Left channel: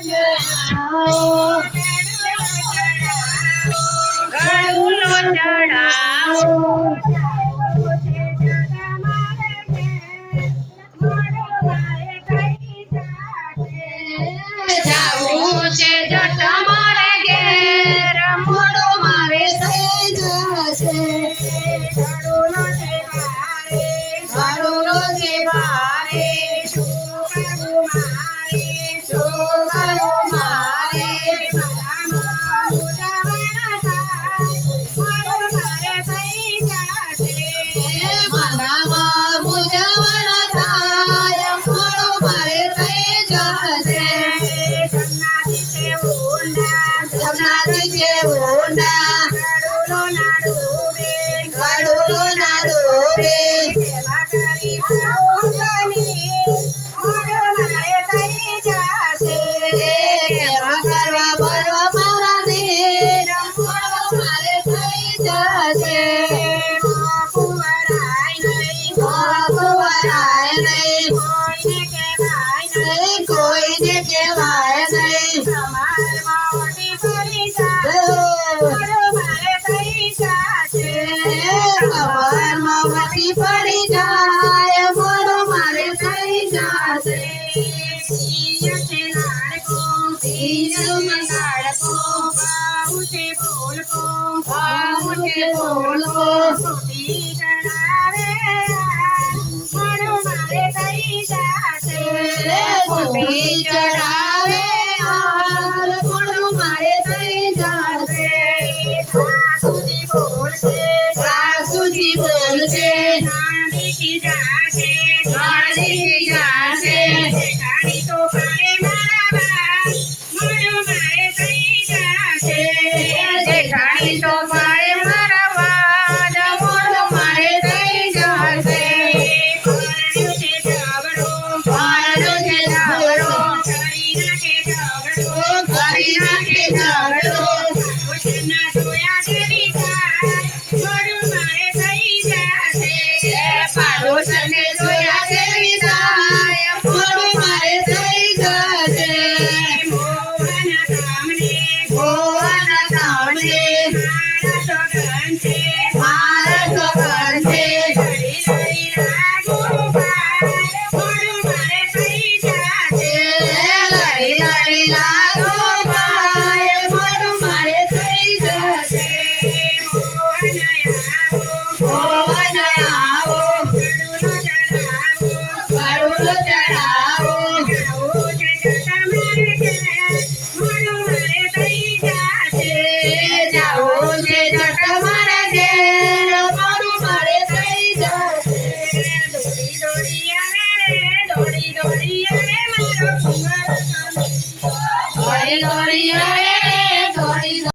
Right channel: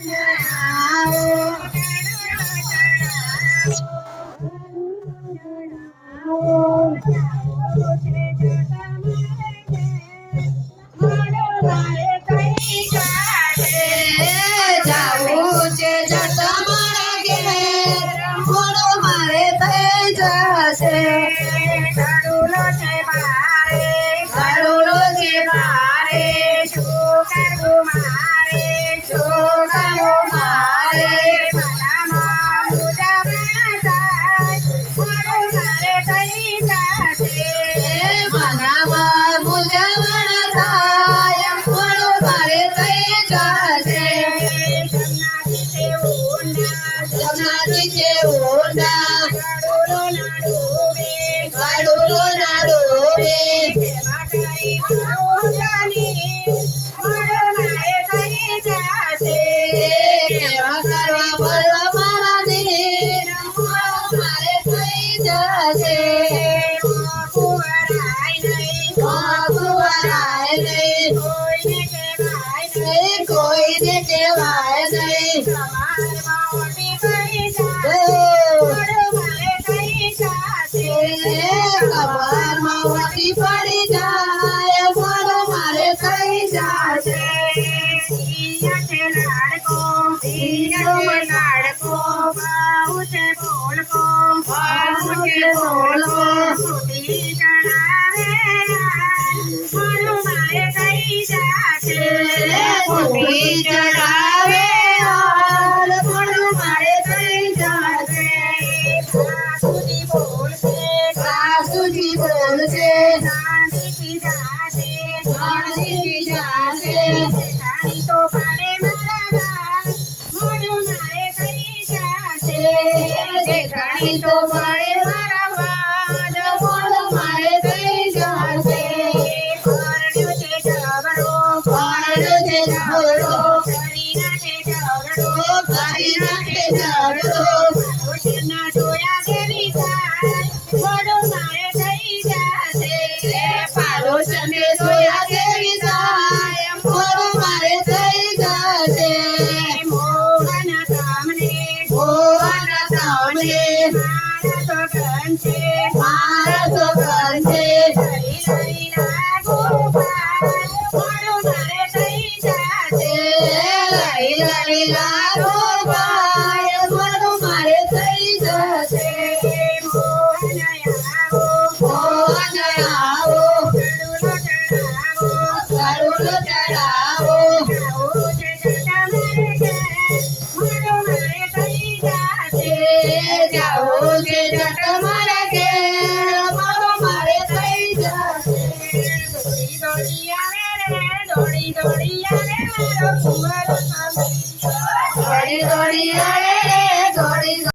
ચડાવો ચડાવો ચાલે સન્નાસી દેવો ના સન્નાસી દેવો ના કડુરો નાડુ વે કડુરો નાડુ વે સેવા કરી ભગવાનની કહેવાય નહીં તમાર મોટી પડી જાય મોડો મારે થઈ જશે સિંહ છે લાડકો સિંહ લાડકો બાહુ છે બોલકો બાહુ છે બોલકો સુધી જણાવે Time. diferentes. हरिया रे मन रघुवर